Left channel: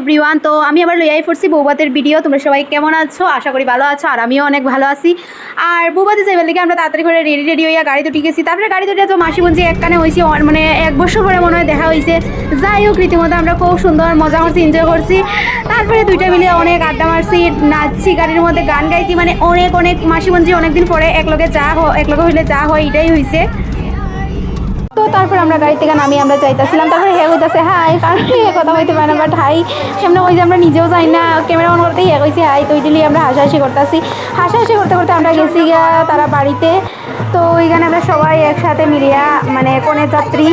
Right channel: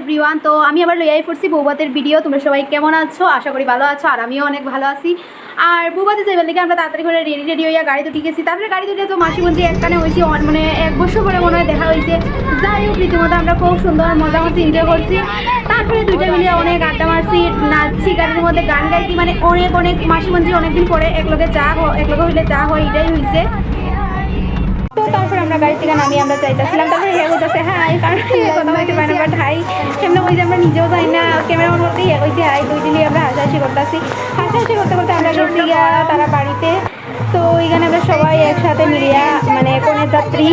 Everyone, তো আমি আবার লইয়াই পড়ছি বৌবাতের ভিডিও। তোমরা সবাই কেমন আছো? আশা করি ভালো আছো, আর আমিও অনেক ভালো আছি। আর বৌবাতে যাইবার লেগে আমরা তাড়াতাড়ি করে রেডি হইয়া গাড়ি তো গেছি। তারপরে গাড়ি দুটো তো মাসি বোনজি একখানে হয়েছি, মানে 1 বছর পরে মনে হয় দেখা হয়েছে। যাই হোক, রীতিমতো আমরা খুব সুন্দর মজা করছি, এনজয় করছি। তারপরে দুইটা মিলে অনেক আড্ডা মারছি, নাচছি, গাড়ির মধ্যে গান গাইছি, মানে অনেক মাসি বোনজি অনেকদিন পরে একলগে হইলে যা হয় এটাই হয়েছে। তো তারপর আমরা গাড়ি থেকে নামিয়ে আমরা চাইতেছিলাম, তারপরে হে হইতেছে হাই, কারণ কথা বলতে পারে না, বাট হাই কেমন হয়েছে আমরা নিজেও যাই না, ক্যামেরাম্যান করতে হে হয়েছে হাই। তো ওইটাই আমরা হাসাহাসি করতেছি, হাসাহাসি করতে করতে আমরা গেছি গিয়া তারা বাড়িতে। তো ওইখানে আমরা সবাই একসাথে মিলিয়া, মানে কনের যাত্রী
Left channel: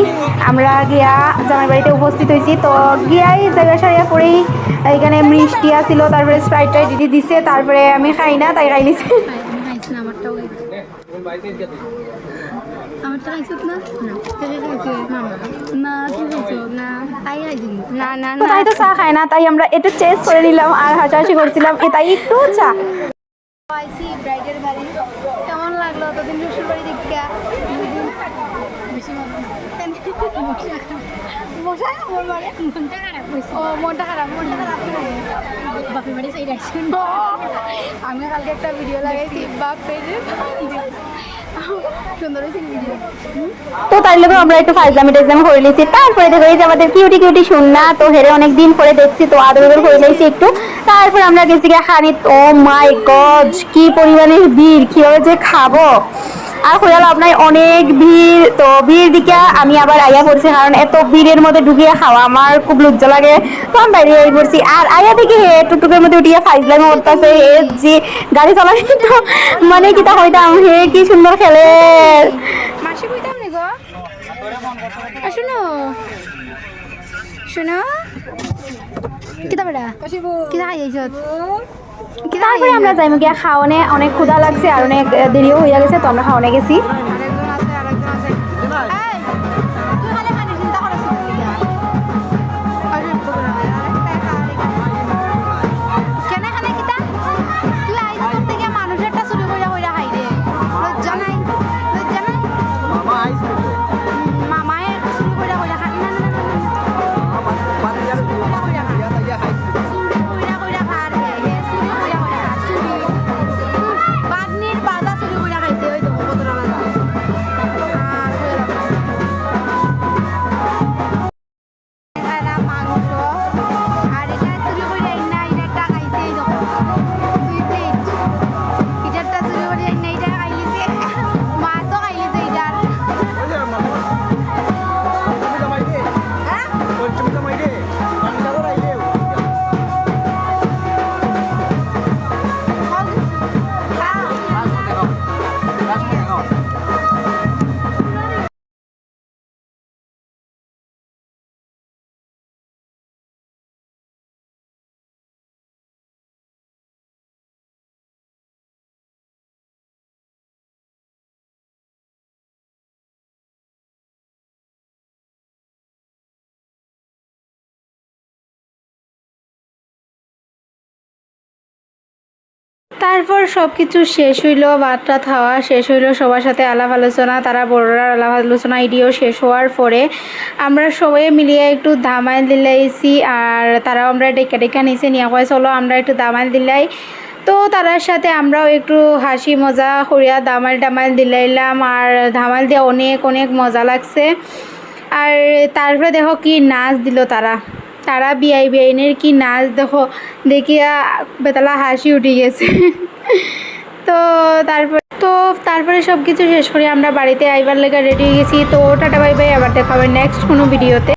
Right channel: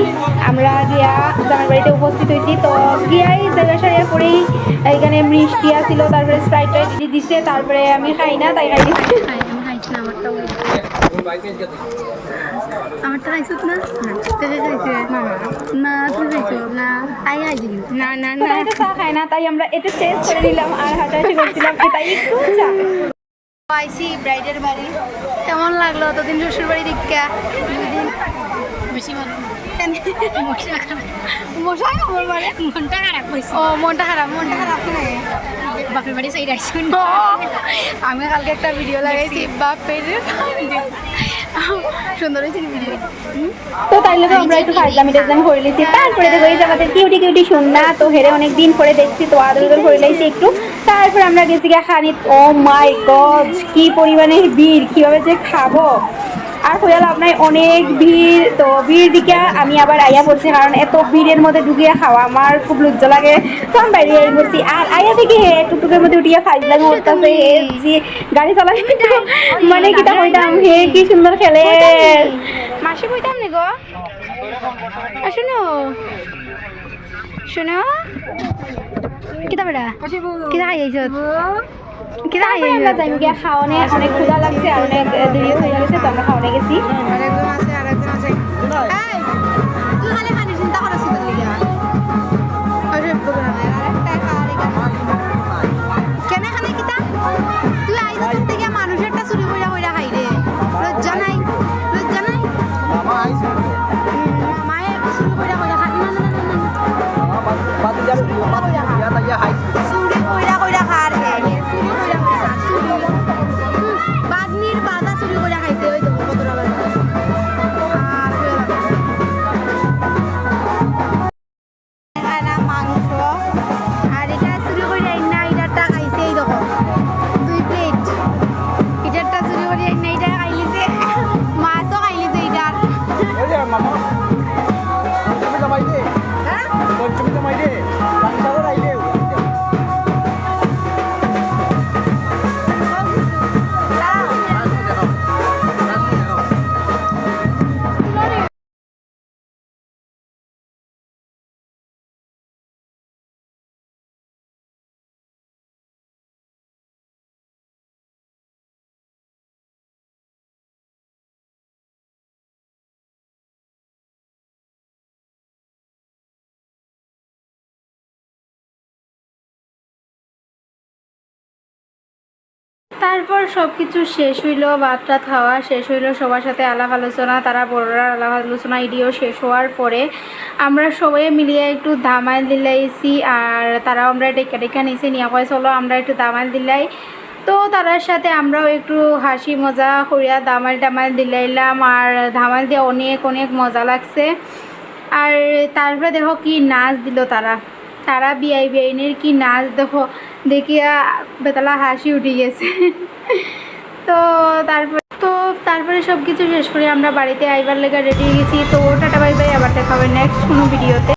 আমরা গিয়া জামাই বাড়িতে উপস্থিত হয়েছি। তো গিয়াই জায়গা সারিয়া পরেই এইখানে মিষ্টি আসছিল, তারপরে স্প্রাইট দিদি দিছে, তারপরে আমি খাই না, তাই খাই নিছি। আমারটা খাইছত না? না তুই খাইছো না? তাই খাইছি না তাই তো চা খায় না, তাই আমরা একটু চেঞ্জ করে নিলাম আর হাসাহাসি করছিলাম, তাই একটু চা আইসি ব্রাইডের বাড়ি। কেমন লাগলো অতদিন শ্বশুর বাড়ি দীক্ষা? বেশি ভালো মনটা খারাপ হয়েছে। ও মনটা খারাপ বাপের বাড়ি সাইড আইসি। আমি কালকে একটা ভিডিও লাগাইছি বাপের সুন্দর হয়েছে। তো তাই লোক আমরা একটু ফাইজলামি টাইজলামি করে নিয়েছি। তারপরে তো হয়েছে আমাদের কিউটি শুননা, তো হেরে অনেকদিন পরে দেখছি, তো আদর করে নিয়েছি একটু। তারপর আমরা গেছি গিয়ে খানি। ও মাই গড, কি পরিমাণের ভিড়, কীভাবে যে খাবো আর হয়ে লাভ নাই, অনেক ভিড়। তো ভিড় দিকে আমি আবার আয়া পড়ছি, কারণ এত ভিড়ের মধ্যে ঢুকিয়ে খাওয়া আমার খুব লজ্জা লাগে। তো আমি বাইরে আই পড়ছি, আর আয়া থেকে হে টুকটুকের মধ্যে উঠিয়ে ফাইজলামি করতেছে, হে যে গাড়ি চালাই তো মানে কিতা হইতাম, হে কি সুন্দর খেলে। মাসি কইতাম নি গো, শুনো শুনো কিতা বেড়া কিতা খাইছ? আমরা যাইম গিয়া খাওয়ানে, অনেক ক্ষুধা লাগছে আর অনেক দেরিও হয়ে গেছে, তো আমরা খাওয়ানে গেছি। আরেকজন আছে কেন খানে কিতা তুই আইজ তোর থেকে মানুষের একটা চুরি কইরা খাই রে, লজ্জা নাই? মামায়ে চুরি কইরা খাই না চুরি কইরা খার বাদনির বাজা চুরি কইরা খাইছে, ওই দেখো কতটা বাজা। আর মাংস আর এটা চুরি কইরা না, এটাটা খাইছে, এই দেখো 2 প্লেট, এটাটা চুরি কইরা না, এটা খাইছে, মাছও খাইছে এটার। তারপর সব কিছু শেষ হইলো, ভাতটা খাওয়া শেষ হইলো, সবার সাথে আলাপ আলোচনা, তারা বড়রা আলাপ আলোচনা এটিও শেষ হওয়ার পরে আমরা সবাই মিলিয়ে একটু দামাইল দিলাইছি, আর তারাও আমরা ডেকা নিচে নিয়ে কয় চলো আমরা একটু দামাইল দিলাই। তো তার সাথে আমরাও একটু হাসি মজা করিয়া দামাইল দিলাইলাম, আর ধামাইল দিয়ে অনেক মজা লাগছে। আর তারপরে দেখো কি নাচ দিল তারা বিআইনের কি নাচ দেখো, দেখিয়া বেতলা হাসি উঠে গেছে। তো তারপরে সব কিছু শেষ করে আমরা বাড়িতে আইবার লেগে রেডি হয়ে গেছি। তো টাটা বাই বাই, আবার দেখা হবে নেক্সট কোনো ভিডিওতে।